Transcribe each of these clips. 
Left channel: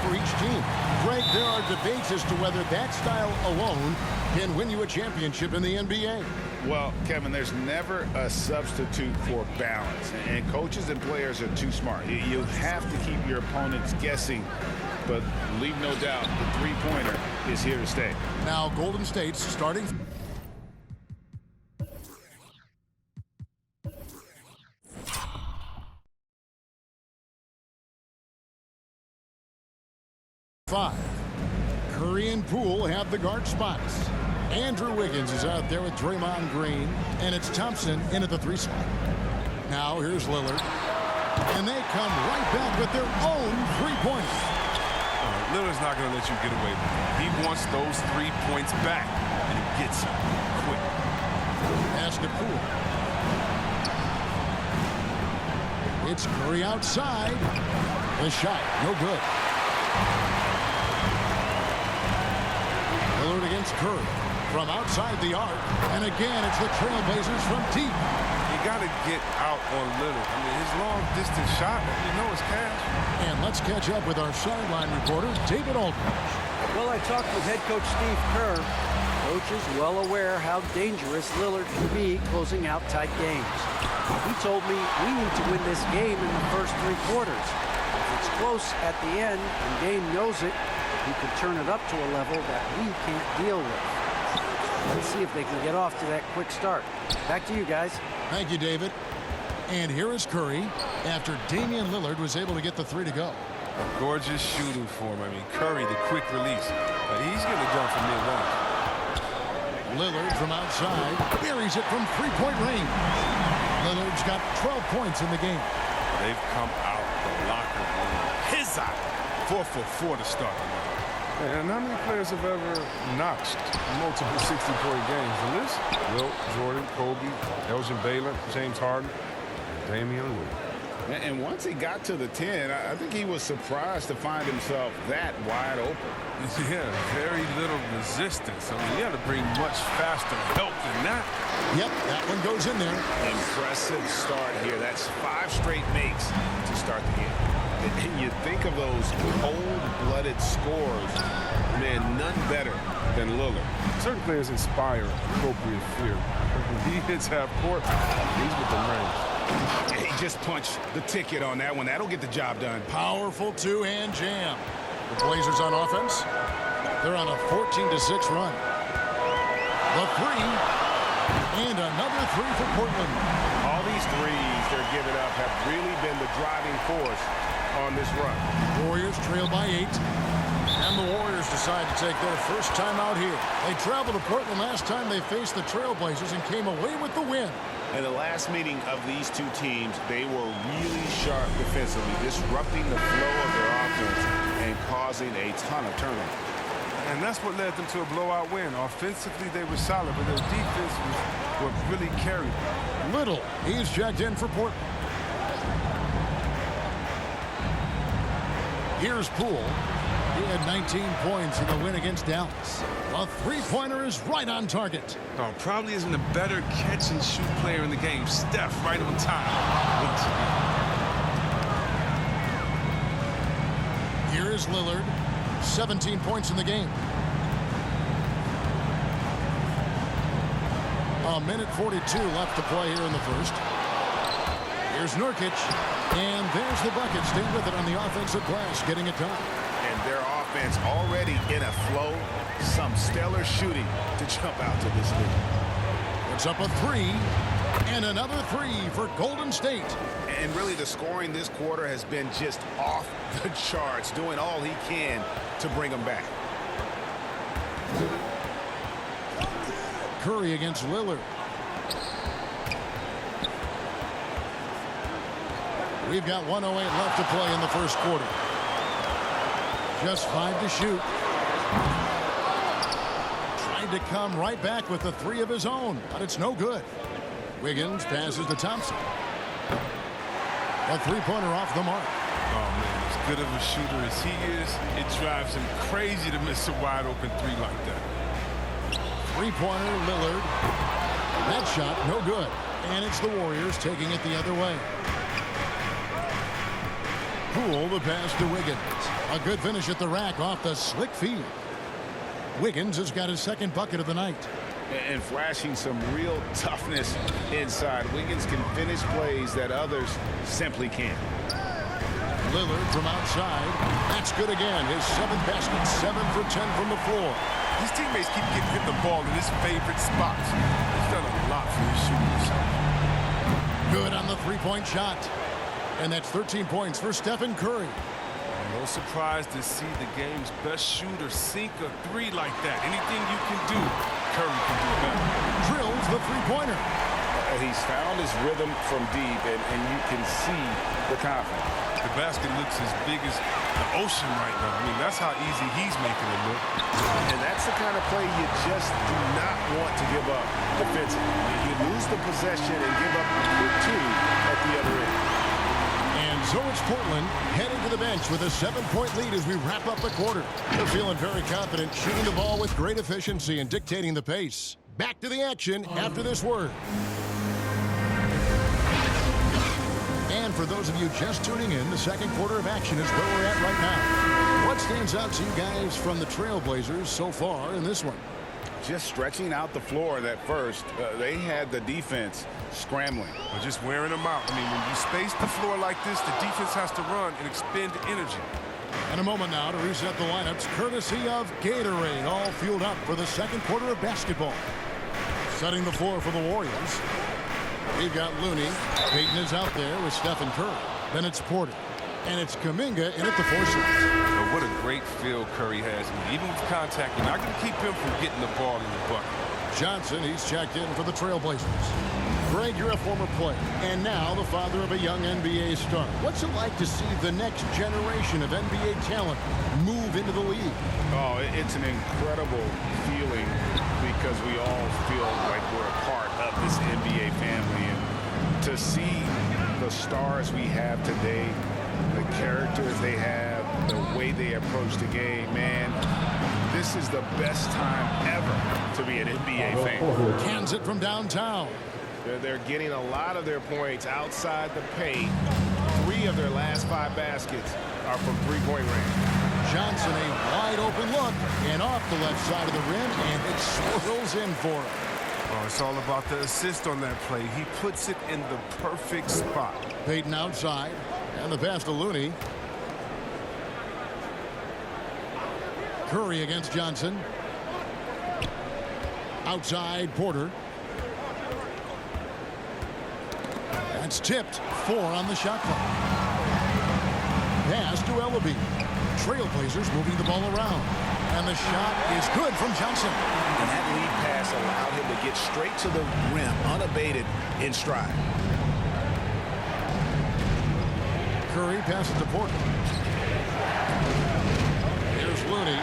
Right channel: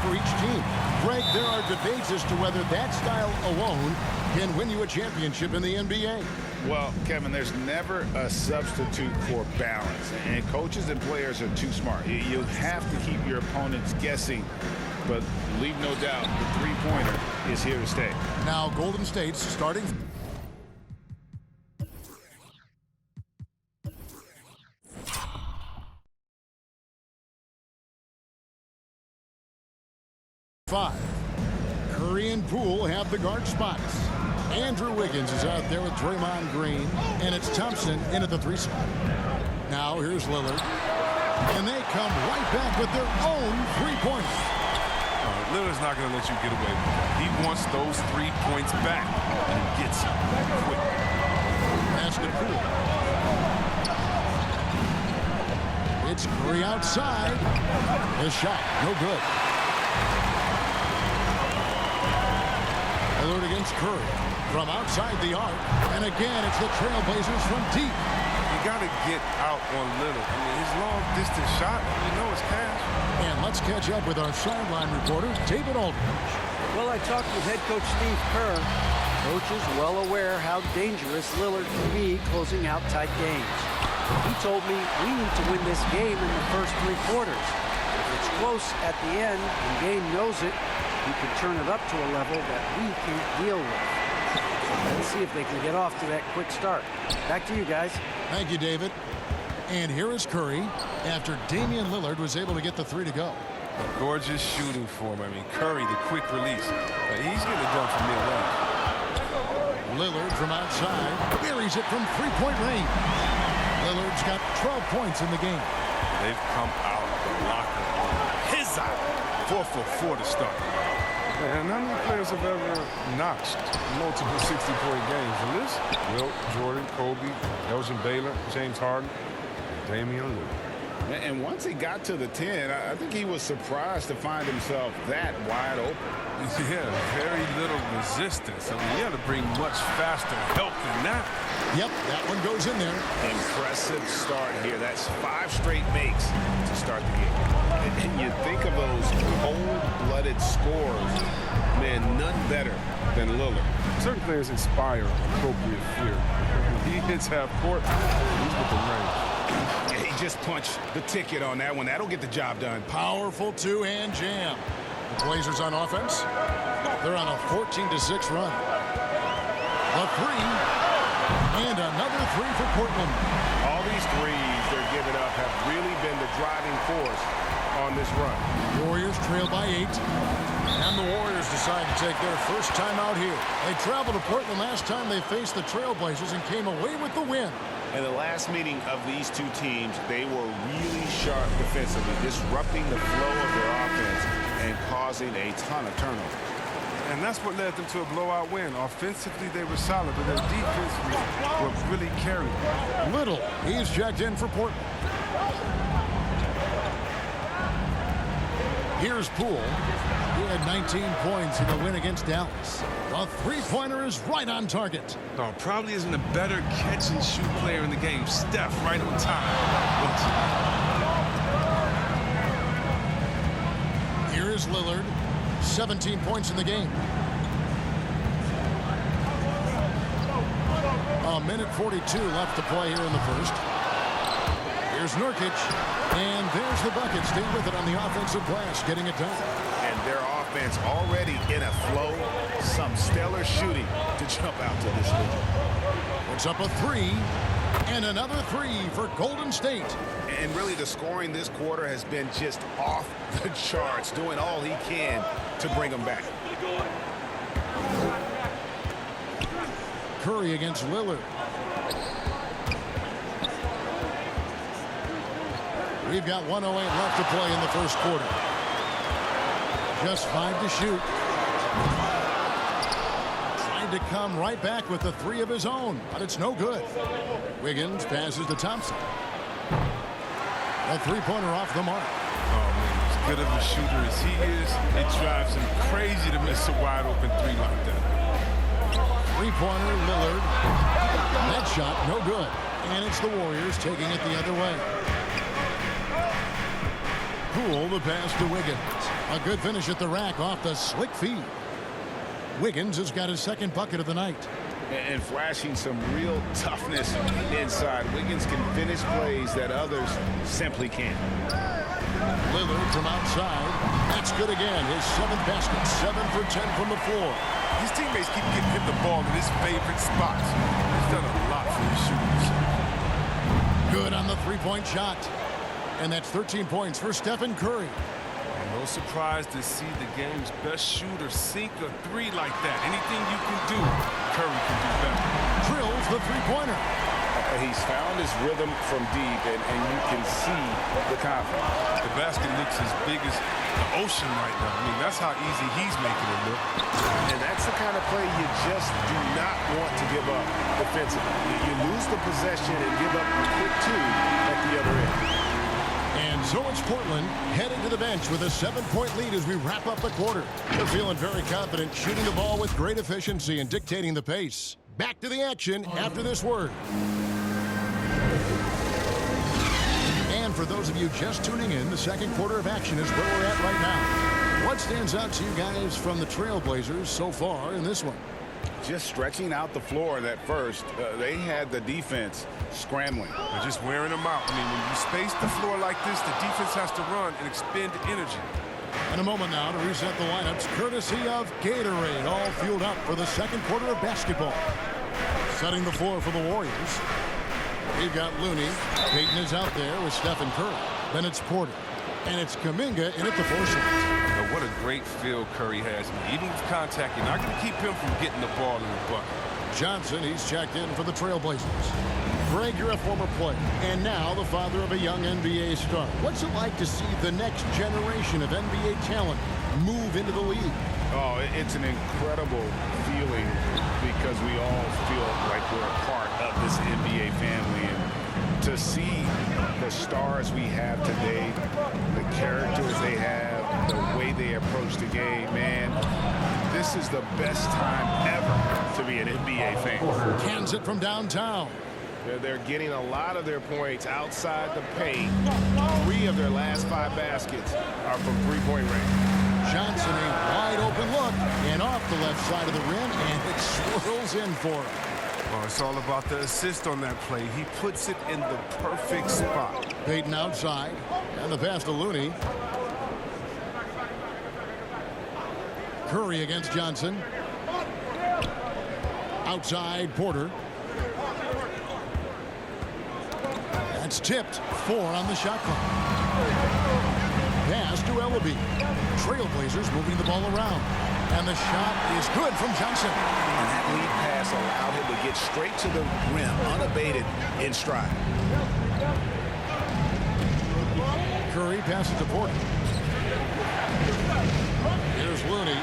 for each team. Greg, there are debates as to whether that style alone can win you a championship in the NBA. Well, Kevin, there's never a substitute for balance, and coaches and players are too smart. You have to keep your opponents guessing, but leave no doubt the three-pointer is here to stay. Now Golden State's starting. Five. Curry and Poole have the guard spots. Andrew Wiggins is out there with Draymond Green, and it's Thompson in at the 3 spot. Now here's Lillard, and they come right back with their own three-pointer. Lillard's not going to let you get away with that. He wants those 3 points back, and he gets them quick. Pass to Poole. It's Curry outside. The shot, no good. Lillard against Curry from outside the arc, and again it's the Trailblazers from deep. You got to get out on Lillard. I mean, his long-distance shot, you know it's cash. And let's catch up with our sideline reporter, David Aldridge. Well, I talked with head coach Steve Kerr. Coach is well aware how dangerous Lillard can be closing out tight games. He told me we need to win this game in the first 3 quarters. If it's close at the end and Dame knows it, he can turn it up to a level that we can't deal with. Let's see if they can get off to that quick start. Back to you guys. Thank you, David. And here is Curry after Damian Lillard was able to get the 3 to go. Gorgeous shooting for him. I mean, Curry, the quick release. He's getting it done from mid-range. Lillard from outside buries it from 3-point range. Lillard's got 12 points in the game. They've come out the locker room. His eye. 4 for 4 to start the night. And how many players have ever notched multiple 60-point games? The list? Wilt, Jordan, Kobe, Elgin Baylor, James Harden, and Damian Lillard. And once he got to the 10, I think he was surprised to find himself that wide open. Yeah, very little resistance. I mean, you had to bring much faster help than that. Yep, that one goes in there. Impressive start here. That's 5 straight makes to start the game. And you think of those cold-blooded scores, man, none better than Lillard. Certain players inspire appropriate fear. When he hits half court, he's with the range. He just punched the ticket on that one. That'll get the job done. Powerful 2-hand jam. The Blazers on offense. They're on a 14-6 run. The 3, and another 3 for Portland. All these threes they're giving up have really been the driving force on this run. Warriors trail by 8. And the Warriors decide to take their first time out here. They traveled to Portland last time they faced the Trailblazers and came away with the win. In the last meeting of these two teams, they were really sharp defensively, disrupting the flow of their offense and causing a ton of turnovers. And that's what led them to a blowout win. Offensively, they were solid, but their defense was what really carried them. Little, he's checked in for Portland. Here's Poole. He had 19 points in the win against Dallas. A 3-pointer is right on target. Oh, probably isn't a better catch-and-shoot player in the game. Steph right on time once again. Here is Lillard. 17 points in the game. A minute 42 left to play here in the first. Here's Nurkic. And there's the bucket. Stay with it on the offensive glass, getting it done. And their offense already in a flow. Some stellar shooting to jump out to this lead. Puts up a 3. And another 3 for Golden State. And really the scoring this quarter has been just off the charts, doing all he can to bring them back. Curry against Lillard. We've got 1:08 left to play in the first quarter. Just 5 to shoot. Trying to come right back with the 3 of his own, but it's no good. Wiggins passes to Thompson. A 3-pointer off the mark. Oh, man, as good of a shooter as he is, it drives him crazy to miss a wide-open 3 like that. 3-pointer, Lillard. That shot, no good. And it's the Warriors taking it the other way. Poole, the pass to Wiggins. A good finish at the rack off the slick feed. Wiggins has got his second bucket of the night. And flashing some real toughness inside. Wiggins can finish plays that others simply can't. Lillard from outside. That's good again. His 7th basket. 7 for 10 from the floor. His teammates keep getting him the ball in his favorite spots. He's done a lot for his shooting himself. Good on the three-point shot. And that's 13 points for Stephen Curry. No surprise to see the game's best shooter sink a three like that. Anything you can do, Curry can do better. Drills the three-pointer. He's found his rhythm from deep, and you can see the confidence. The basket looks as big as the ocean right now. I mean, that's how easy he's making it look. And that's the kind of play you just do not want to give up defensively. You lose the possession and give up a quick two at the other end. And so it's Portland heading to the bench with a 7-point lead as we wrap up the quarter. They're feeling very confident, shooting the ball with great efficiency and dictating the pace. Back to the action after this word. And for those of you just tuning in, the second quarter of action is where we're at right now. What stands out to you guys from the Trailblazers so far in this one? Just stretching out the floor that first. They had the defense scrambling. They're just wearing them out. I mean, when you space the floor like this, the defense has to run and expend energy. And a moment now to reset the lineups, courtesy of Gatorade, all fueled up for the second quarter of basketball. Setting the floor for the Warriors. We've got Looney. Payton is out there with Stephen Curry. Then it's Porter. And it's Kuminga in at the 4 slot. But what a great feel Curry has. I mean, even with contact, you're not going to keep him from getting the ball in the bucket. Johnson, he's checked in for the Trailblazers. Greg, you're a former player, and now the father of a young NBA star. What's it like to see the next generation of NBA talent move into the league? Oh, it's an incredible feeling because we all feel like we're a part of this NBA family. And to see the stars we have today, the characters they have, the way they approach the game, man, this is the best time ever to be an NBA fan. Cans it from downtown. They're getting a lot of their points outside the paint. 3 of their last 5 baskets are from three-point range. Johnson, a wide open look, and off the left side of the rim, and it swirls in for him. Well, it's all about the assist on that play. He puts it in the perfect spot. Payton outside, and the pass to Looney. Curry against Johnson. Outside, Porter. That's tipped. 4 on the shot clock. Pass to Ellaby. Trailblazers moving the ball around. And the shot is good from Johnson. And that lead pass allowed him to get straight to the rim, unabated in stride. Curry passes to Porter. Here's Looney.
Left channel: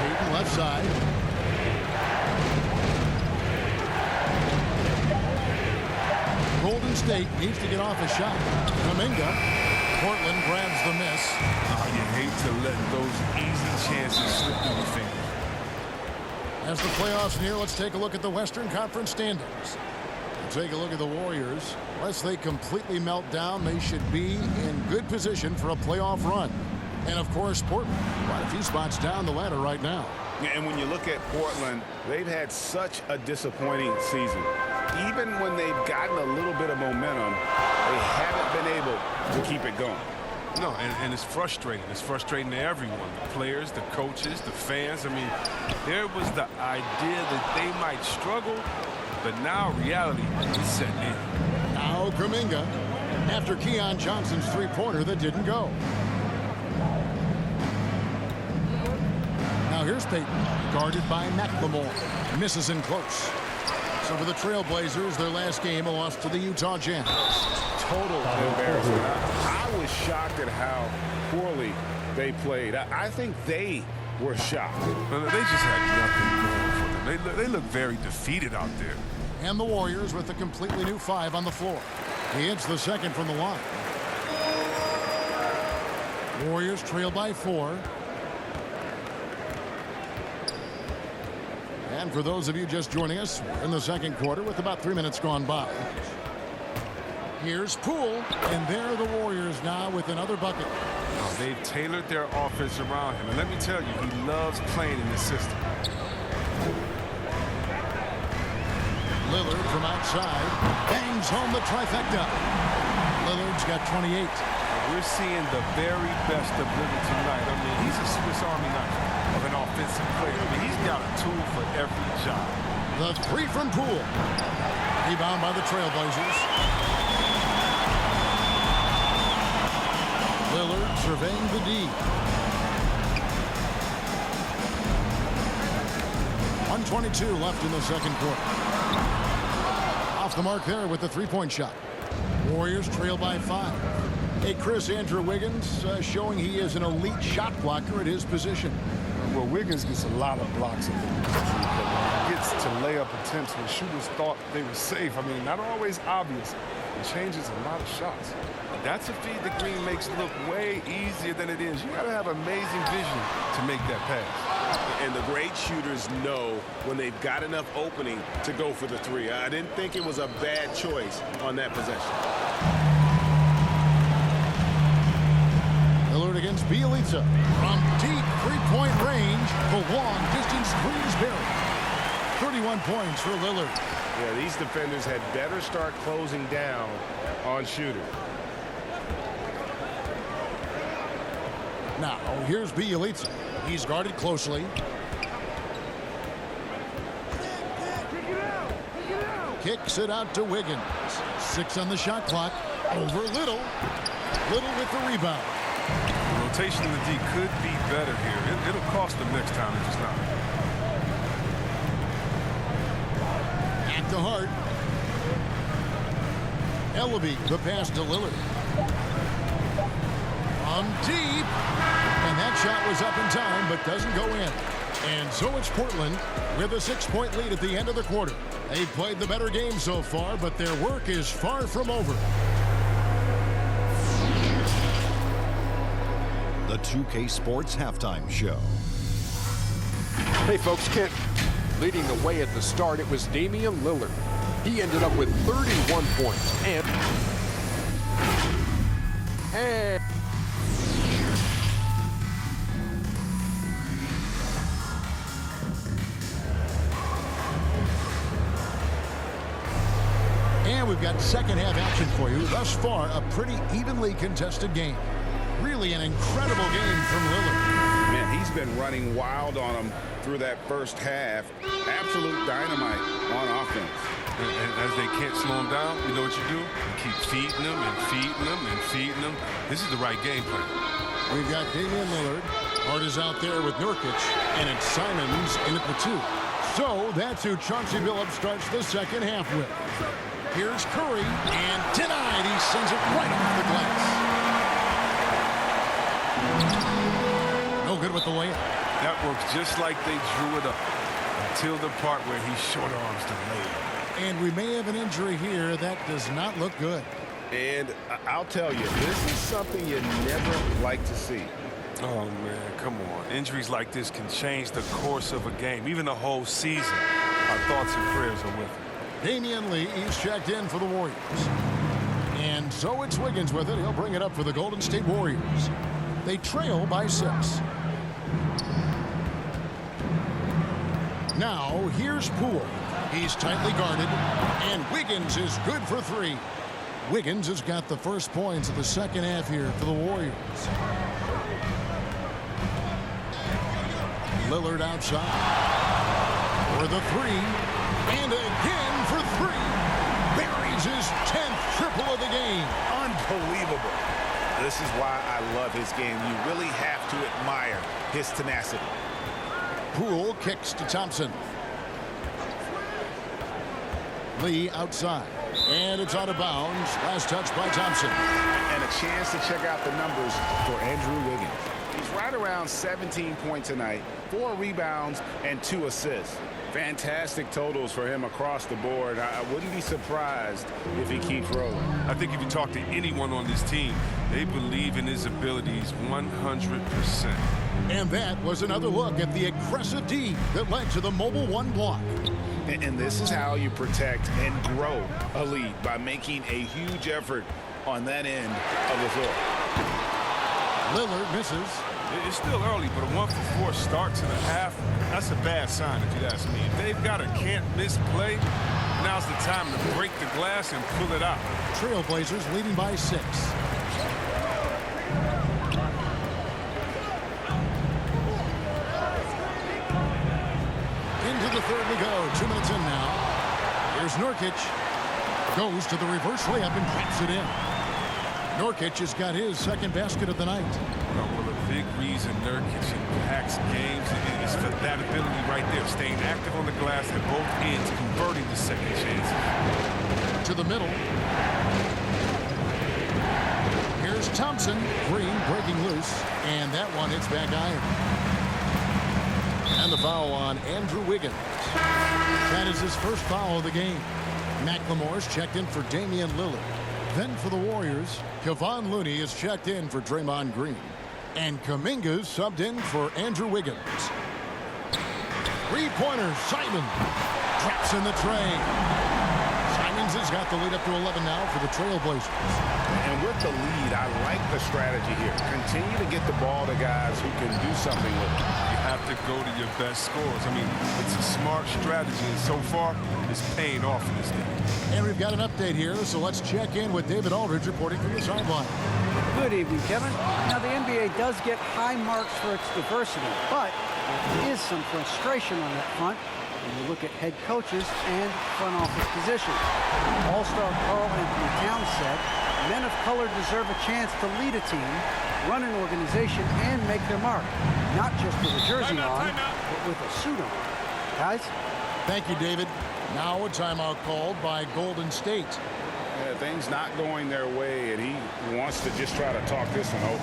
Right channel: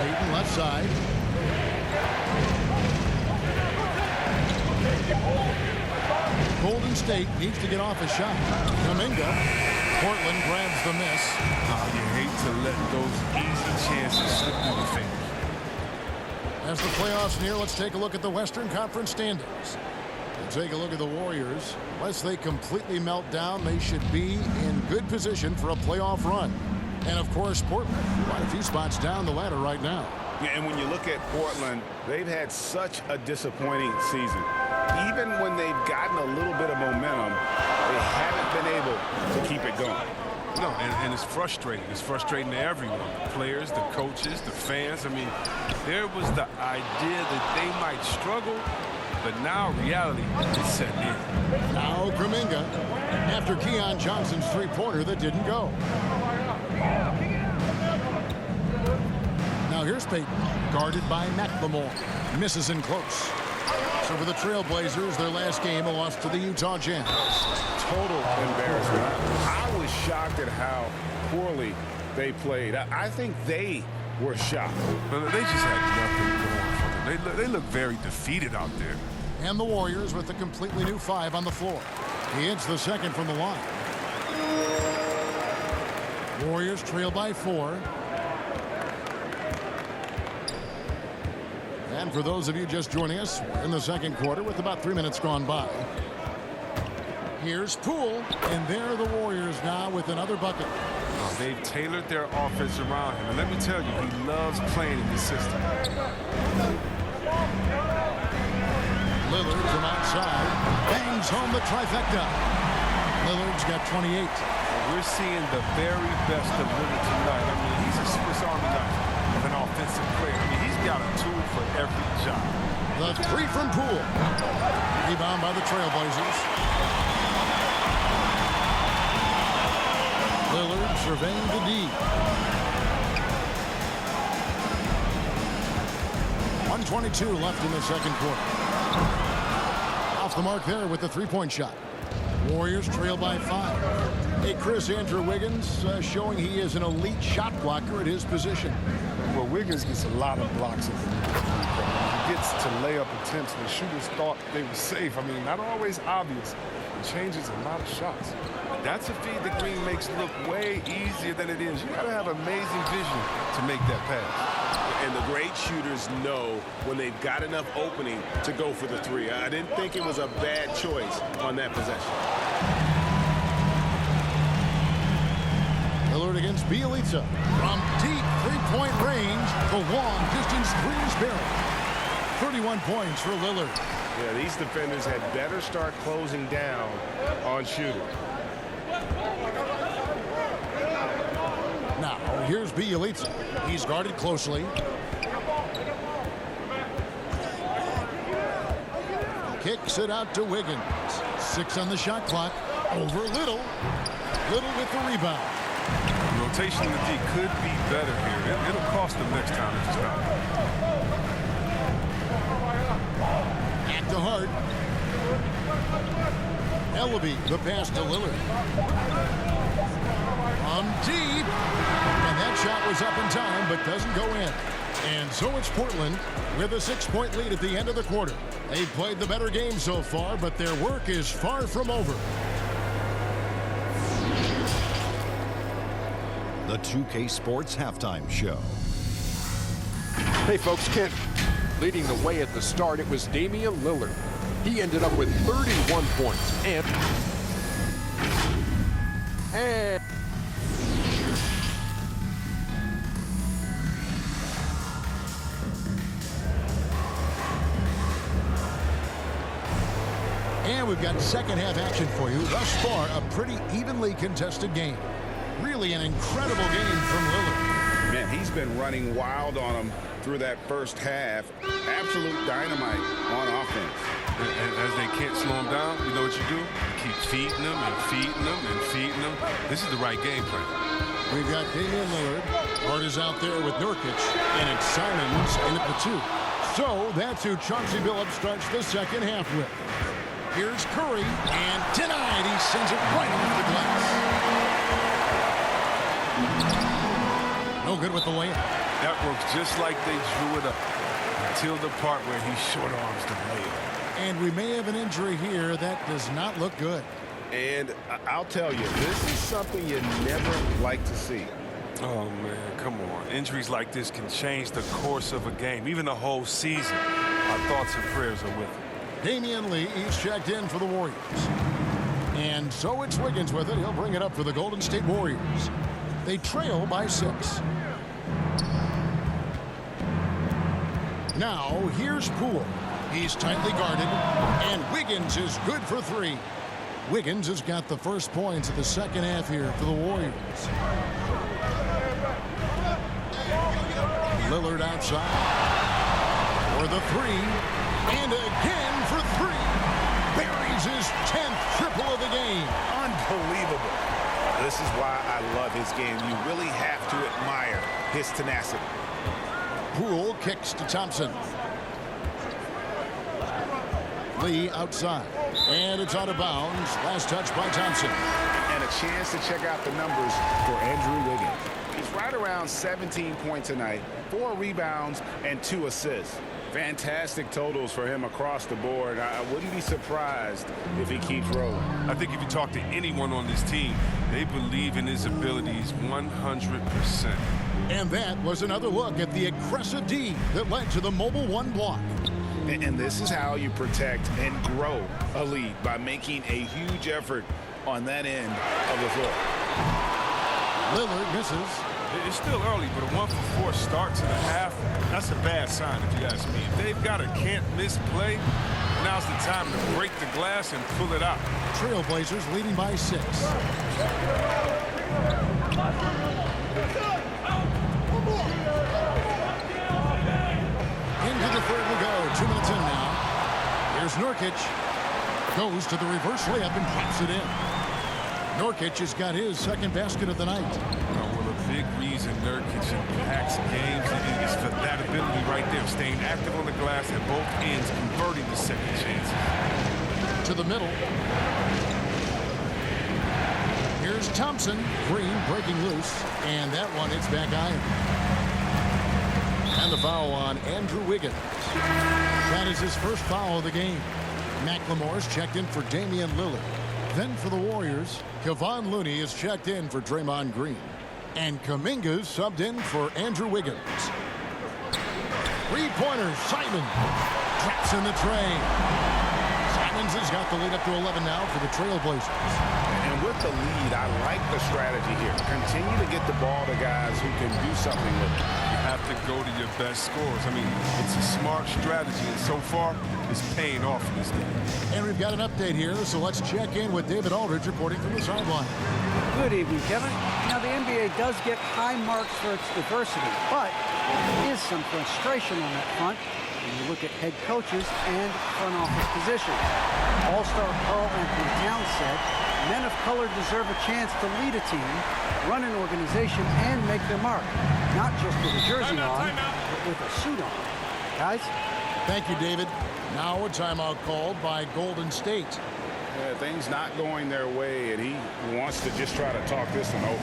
Payton left side. Golden State needs to get off a shot. Kuminga. Portland grabs the miss. Oh, you hate to let those easy chances slip through your fingers. As the playoffs near, let's take a look at the Western Conference standings. We'll take a look at the Warriors. Unless they completely melt down, they should be in good position for a playoff run. And, of course, Portland, quite a few spots down the ladder right now. Yeah, and when you look at Portland, they've had such a disappointing season. Even when they've gotten a little bit of momentum, they haven't been able to keep it going. No, and it's frustrating. It's frustrating to everyone. The players, the coaches, the fans. I mean, there was the idea that they might struggle, but now reality is setting in. Now Kuminga, after Keon Johnson's three-pointer that didn't go. Now here's Payton, guarded by McLemore. Misses in close. So for the Trailblazers, their last game, a loss to the Utah Jazz. Total embarrassment. I was shocked at how poorly they played. I think they were shocked. Well, they just had nothing going for them. They look very defeated out there. And the Warriors with a completely new 5 on the floor. He hits the second from the line. Warriors trail by 4. And for those of you just joining us, we're in the second quarter with about 3 minutes gone by. Here's Poole, and there are the Warriors now with another bucket. Oh, they've tailored their offense around him. And let me tell you, he loves playing in this system. Lillard from outside bangs home the trifecta. Lillard's got 28. We're seeing the very best of Lillard tonight. I mean, he's a Swiss Army knife of an offensive player. I mean, he's got a tool for every job. The three from Poole. Rebound by the Trailblazers. Lillard surveying the D. 1:22 left in the second quarter. Off the mark there with the three-point shot. Warriors trail by 5. Hey, Chris, Andrew Wiggins showing he is an elite shot blocker at his position. Well, Wiggins gets a lot of blocks at the He gets to layup attempts when shooters thought they were safe. I mean, not always obvious. It changes a lot of shots. That's a feed that Green makes look way easier than it is. You got to have amazing vision to make that pass. And the great shooters know when they've got enough opening to go for the three. I didn't think it was a bad choice on that possession. Lillard against Bjelica. From deep three-point range, the long-distance three is buried. 31 points for Lillard. Yeah, these defenders had better start closing down on shooters. Now, here's Bjelica. He's guarded closely. Kicks it out to Wiggins. 6 on the shot clock. Over Little. Little with the rebound. The rotation in the D could be better here. It'll cost them next time if it's not. At the heart. Ellaby, the pass to Lillard. From deep. And that shot was up in time, but doesn't go in. And so it's Portland with a 6-point lead at the end of the quarter. They've played the better game so far, but their work is far from over. The 2K Sports Halftime Show. Hey folks, Kent. Leading the way at the start, it was Damian Lillard. He ended up with 31 points and we've got second half action for you. Thus far, a pretty evenly contested game. Really an incredible game from Lillard. Man, he's been running wild on them through that first half. Absolute dynamite on offense. And as they can't slow him down, you know what you do? You keep feeding them and feeding them and feeding them. This is the right game plan. We've got Damian Lillard. Hart is out there with Nurkic, and it's Simons in at the 2. So that's who Chauncey Billups starts the second half with. Here's Curry, and denied. He sends it right off the glass. No good with the layup. That works just like they drew it up until the part where he short arms the layup. And we may have an injury here that does not look good. And I'll tell you, this is something you never like to see. Oh, man, come on. Injuries like this can change the course of a game, even the whole season. Our thoughts and prayers are with him. Damian Lee is checked in for the Warriors. And so it's Wiggins with it. He'll bring it up for the Golden State Warriors. They trail by 6. Now, here's Poole. He's tightly guarded, and Wiggins is good for 3. Wiggins has got the first points of the second half here for the Warriors. Lillard outside. For the 3, and again for 3. Buries his 10th triple of the game. Unbelievable. This is why I love his game. You really have to admire his tenacity. Poole kicks to Thompson. Lee outside. And it's out of bounds. Last touch by Thompson. And a chance to check out the numbers for Andrew Wiggins. He's right around 17 points tonight, 4 rebounds and 2 assists. Fantastic totals for him across the board. I wouldn't be surprised if he keeps rolling. I think if you talk to anyone on this team, they believe in his abilities 100%. And that was another look at the aggressive D that led to the Mobile One block. And this is how you protect and grow a lead, by making a huge effort on that end of the floor. Lillard misses. It's still early, but a 1-for-4 start to the half, that's a bad sign if you ask me. If they've got a can't-miss play, now's the time to break the glass and pull it out. Trailblazers leading by 6. Into the third we go. 2 minutes in now. Here's Nurkic. Goes to the reverse layup and drops it in. Nurkic has got his second basket of the night. Well, a big reason Nurkic impacts games is for that ability right there, staying active on the glass at both ends, converting the second chances. To the middle. Here's Thompson. Green breaking loose, and that one hits back iron. And the foul on Andrew Wiggins. That is his first foul of the game. McLemore's checked in for Damian Lillard. Then for the Warriors, Kevon Looney is checked in for Draymond Green. And Kuminga's subbed in for Andrew Wiggins. Three-pointer, Simon. Traps in the tray. Simons has got the lead up to 11 now for the Trailblazers. And with the lead, I like the strategy here. Continue to get the ball to guys who can do something with it. You have to go to your best scorers. I mean, it's a smart strategy, and so far, it's paying off in this game. And we've got an update here, so let's check in with David Aldridge reporting from the sideline. Good evening, Kevin. Now, the NBA does get high marks for its diversity, but there is some frustration on that front when you look at head coaches and front office positions. All-star Karl Anthony Towns said, men of color deserve a chance to lead a team, run an organization, and make their mark. Not just with a jersey on, but with a suit on. Guys? Thank you, David. Now a timeout called by Golden State. Things not going their way, and he wants to just try to talk this one over.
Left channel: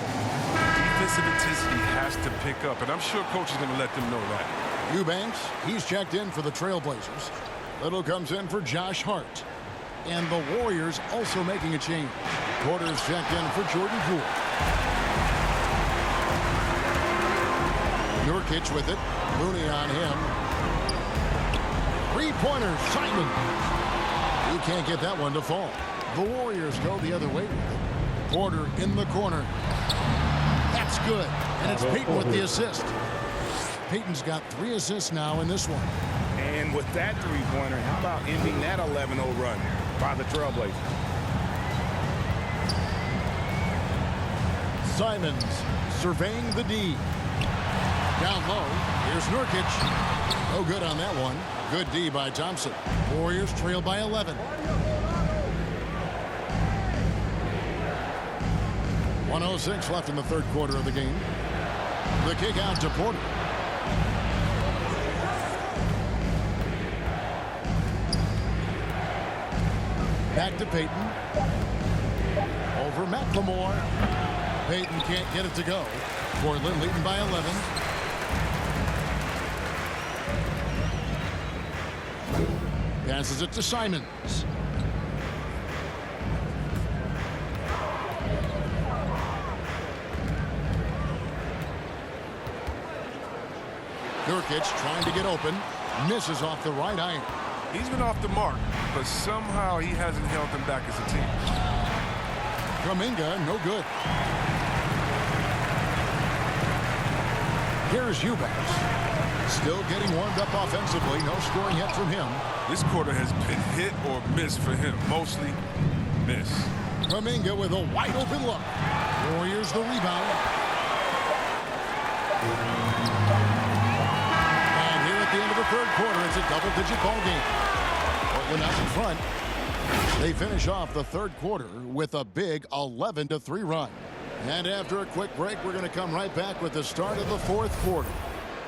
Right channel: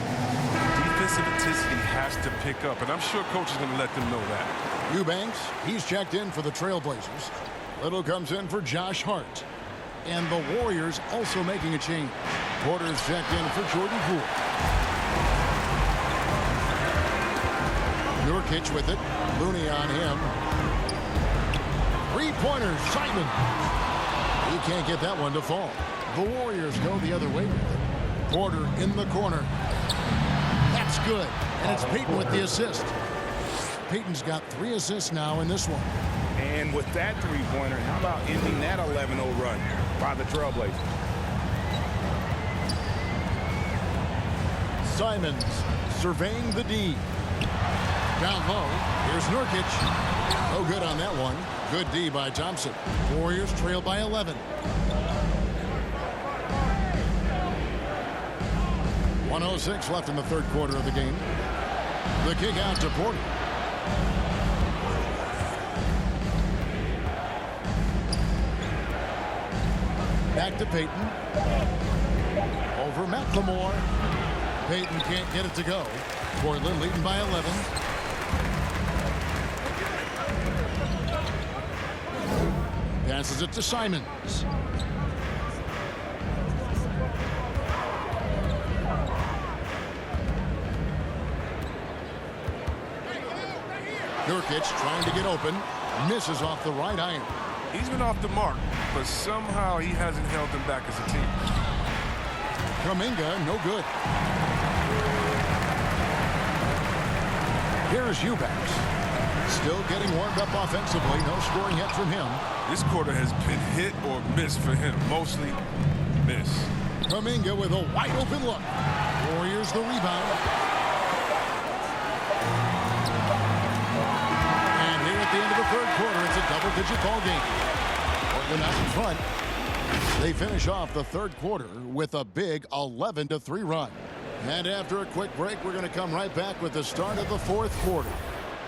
Defensive intensity has to pick up, and I'm sure coach is going to let them know that. Eubanks, he's checked in for the Trailblazers. Little comes in for Josh Hart. And the Warriors also making a change. Porter's checked in for Jordan Poole. Nurkic with it. Looney on him. Three-pointer, Simon. He can't get that one to fall. The Warriors go the other way with it. Porter in the corner. That's good. And it's Payton with the assist. Payton's got 3 assists now in this one. And with that three-pointer, how about ending that 11-0 run by the Trailblazers? Simons surveying the D. Down low. Here's Nurkic. No good on that one. Good D by Thompson. Warriors trail by 11. 1:06 left in the third quarter of the game. The kick out to Porter. Back to Payton. Over McLemore. Payton can't get it to go. Portland leading by 11. Passes it to Simons. Nurkic trying to get open. Misses off the right iron. He's been off the mark, but somehow he hasn't held them back as a team. Kuminga, no good. Here's Eubanks. Still getting warmed up offensively. No scoring yet from him. This quarter has been hit or miss for him. Mostly miss. Kuminga with a wide open look. Warriors the rebound. And here at the end of the third quarter, it's a double-digit ball game. Portland out in front. They finish off the third quarter with a big 11-3 run. And after a quick break, we're going to come right back with the start of the fourth quarter.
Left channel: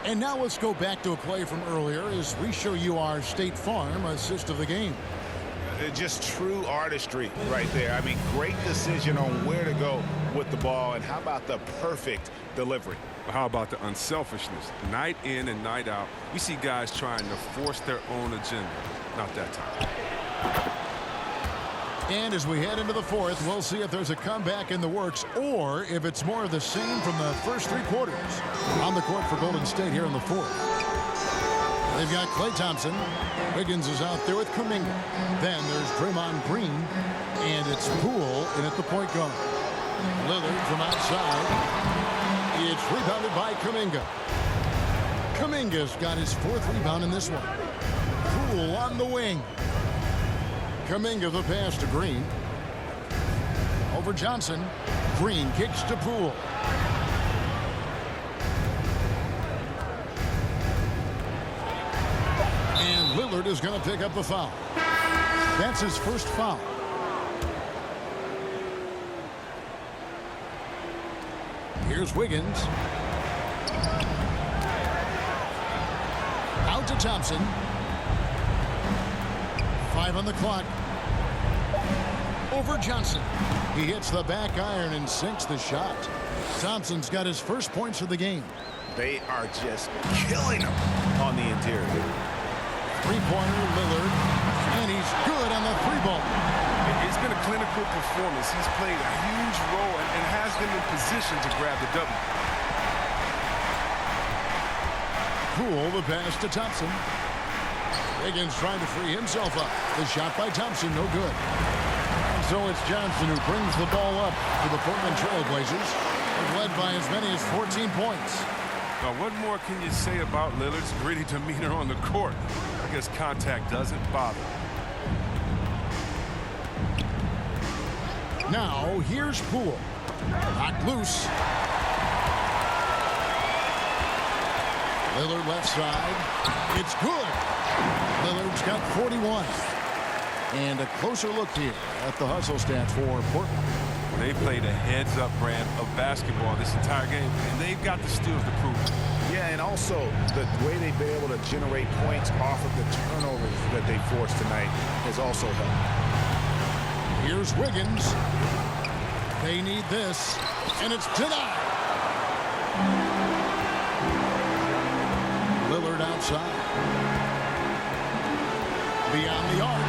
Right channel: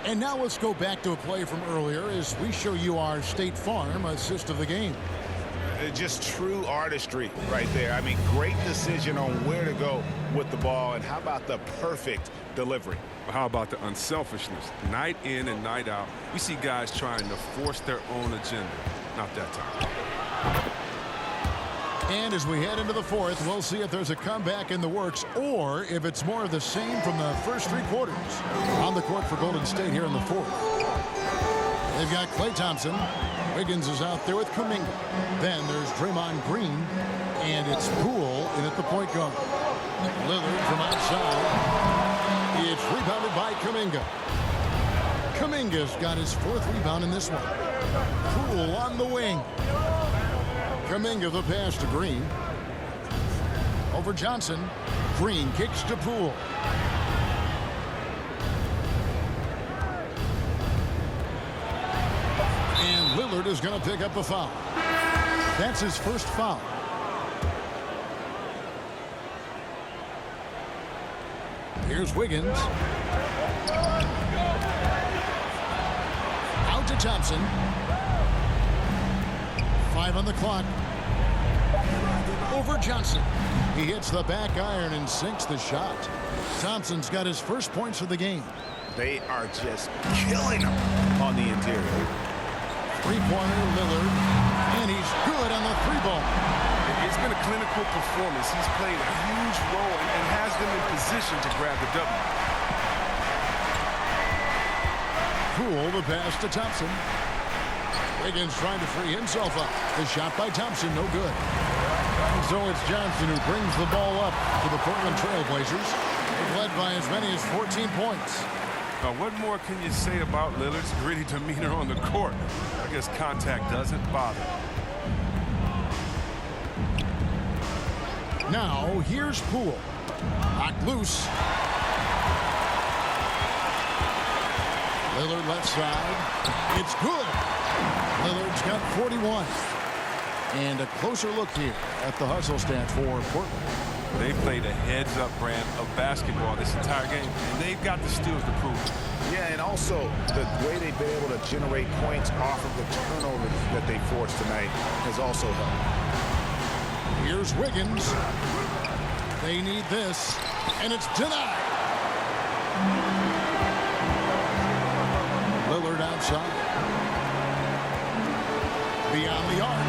And now let's go back to a play from earlier as we show you our State Farm assist of the game. Just true artistry right there. I mean, great decision on where to go with the ball, and how about the perfect delivery? How about the unselfishness? Night in and night out, we see guys trying to force their own agenda. Not that time. And as we head into the fourth, we'll see if there's a comeback in the works or if it's more of the same from the first 3 quarters. On the court for Golden State here in the fourth. They've got Klay Thompson. Wiggins is out there with Kuminga. Then there's Draymond Green, and it's Poole in at the point guard. Lillard from outside. It's rebounded by Kuminga. Kuminga's got his 4th rebound in this one. Poole on the wing. Kuminga the pass to Green. Over Johnson. Green kicks to Poole. And Lillard is going to pick up the foul. That's his first foul. Here's Wiggins. Out to Thompson. 5 on the clock. Over Johnson. He hits the back iron and sinks the shot. Thompson's got his first points of the game. They are just killing him on the interior. Three-pointer, Lillard. And he's good on the 3-ball. It's been a clinical performance. He's played a huge role and has them in position to grab the W. Poole the pass to Thompson. Wiggins trying to free himself up. The shot by Thompson, no good. And so it's Johnson who brings the ball up for the Portland Trail Blazers. They've led by as many as 14 points. Now, what more can you say about Lillard's gritty demeanor on the court? I guess contact doesn't bother. Now, here's Poole. Knocked loose. Lillard left side. It's good. Lillard's got 41. And a closer look here at the hustle stats for Portland. Well, they played a heads-up brand of basketball this entire game, and they've got the steals to prove it. Yeah, and also the way they've been able to generate points off of the turnovers that they forced tonight has also helped. Here's Wiggins. They need this, and it's denied. Lillard outside. Beyond the arc.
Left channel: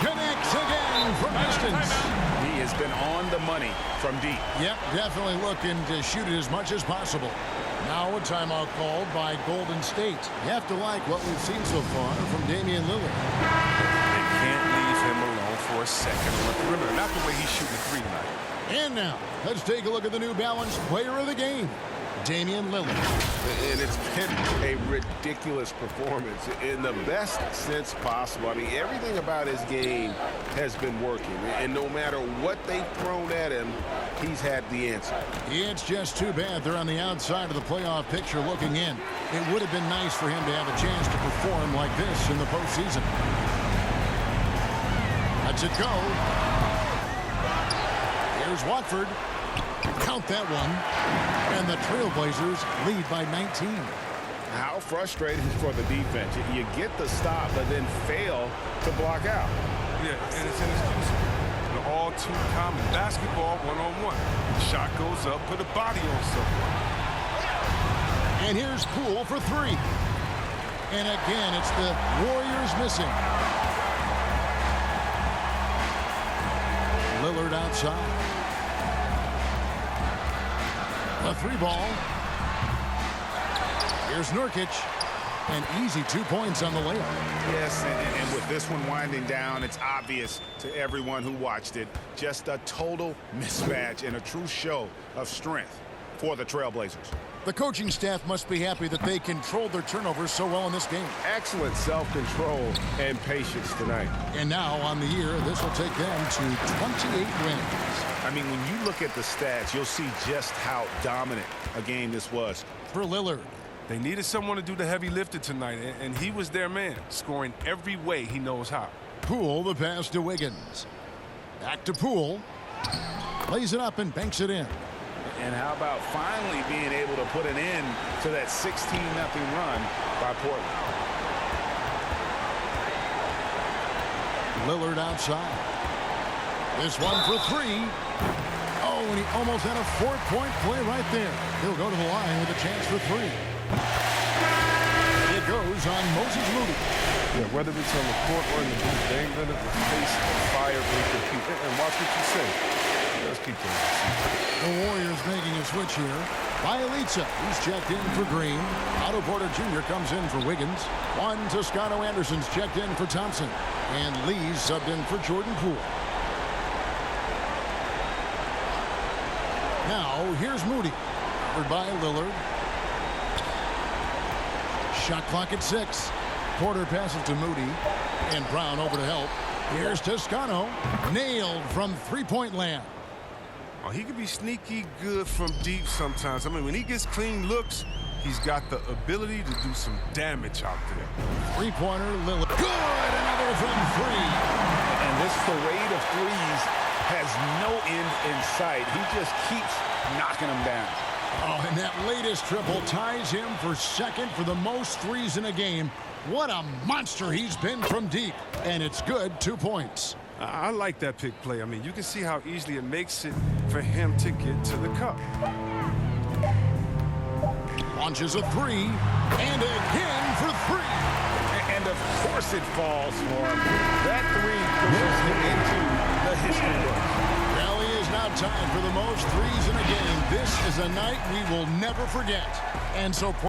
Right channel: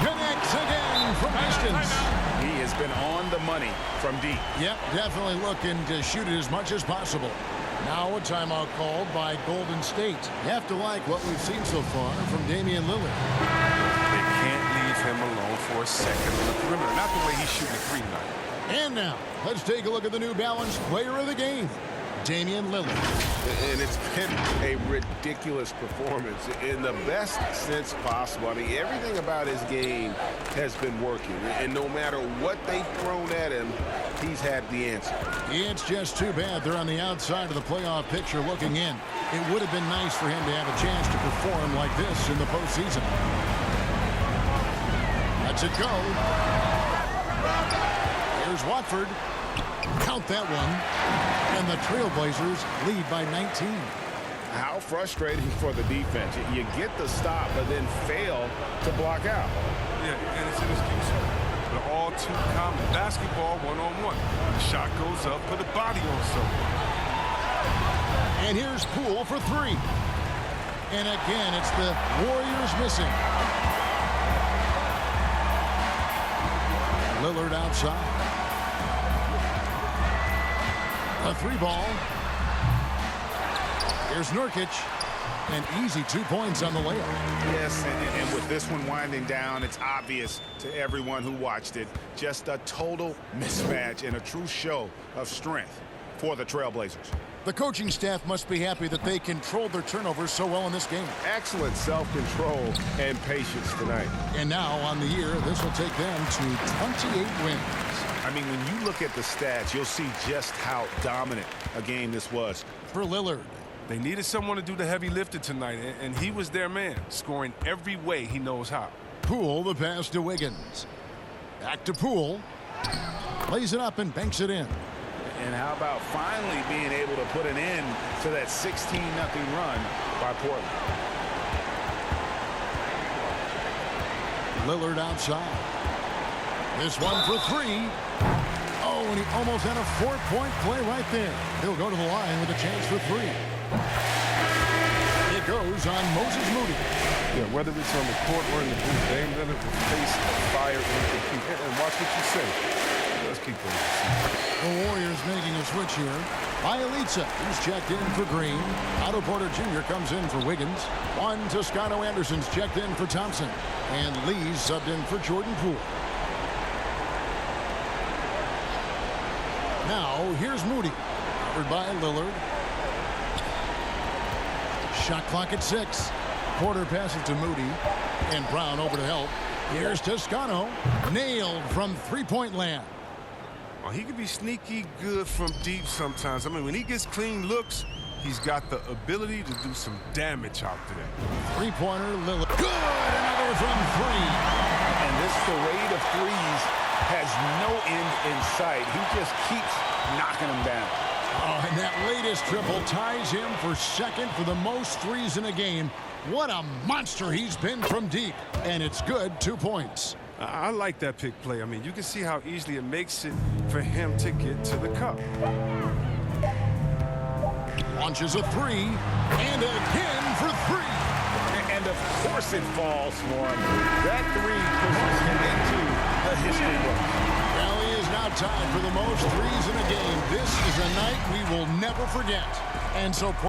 Connects again from distance. He has been on the money from deep. Yep, definitely looking to shoot it as much as possible. Now a timeout called by Golden State. You have to like what we've seen so far from Damian Lillard. They can't leave him alone for a second on the perimeter. Not the way he's shooting the 3 tonight. And now, let's take a look at the New Balance player of the game, Damian Lillard. And it's been a ridiculous performance in the best sense possible. I mean, everything about his game has been working. And no matter what they've thrown at him, he's had the answer. It's just too bad they're on the outside of the playoff picture looking in. It would have been nice for him to have a chance to perform like this in the postseason. Lets it go. Here's Watford. Count that one. And the Trailblazers lead by 19. How frustrating for the defense. You get the stop, but then fail to block out. Yeah, and it's inexcusable. But all too common. Basketball one-on-one. The shot goes up, put a body on someone. And here's Poole for 3. And again, it's the Warriors missing. Lillard outside. A 3-ball. Here's Nurkic. An easy 2 points on the layup. Yes, and with this one winding down, it's obvious to everyone who watched it. Just a total mismatch and a true show of strength for the Trailblazers. The coaching staff must be happy that they controlled their turnovers so well in this game. Excellent self-control and patience tonight. And now on the year, this will take them to 28 wins. I mean, when you look at the stats, you'll see just how dominant a game this was. For Lillard. They needed someone to do the heavy lifting tonight, and he was their man, scoring every way he knows how. Poole the pass to Wiggins. Back to Poole. Lays it up and banks it in. And how about finally being able to put an end to that 16-0 run by Portland. Lillard outside. This one for 3. Oh, and he almost had a 4-point play right there. He'll go to the line with a chance for 3. It goes on Moses Moody. Yeah, whether it's on the court or in the booth, Dame Lillard will face a fire and compete. And watch what you say. Let's keep those receivers. The Warriors making a switch here. Bielitsa, he's checked in for Green. Otto Porter Jr. comes in for Wiggins. Juan Toscano Anderson's checked in for Thompson. And Lee's subbed in for Jordan Poole. Now, here's Moody. Covered by Lillard. Shot clock at 6. Porter passes to Moody. And Brown over to help. Here's Toscano. Nailed from three-point land. Oh, he can be sneaky good from deep sometimes. I mean, when he gets clean looks, he's got the ability to do some damage out there. Three-pointer, Lillard. Good! Another from 3. And this parade of threes has no end in sight. He just keeps knocking them down. Oh, and that latest triple ties him for second for the most threes in a game. What a monster he's been from deep. And it's good, 2 points. I like that pick play. I mean, you can see how easily it makes it for him to get to the cup. Launches a 3, and again for 3. And of course it falls for him. That 3 pushes him into the history books. Well, he is now tied for the most threes in a game. This is a night we will never forget. And so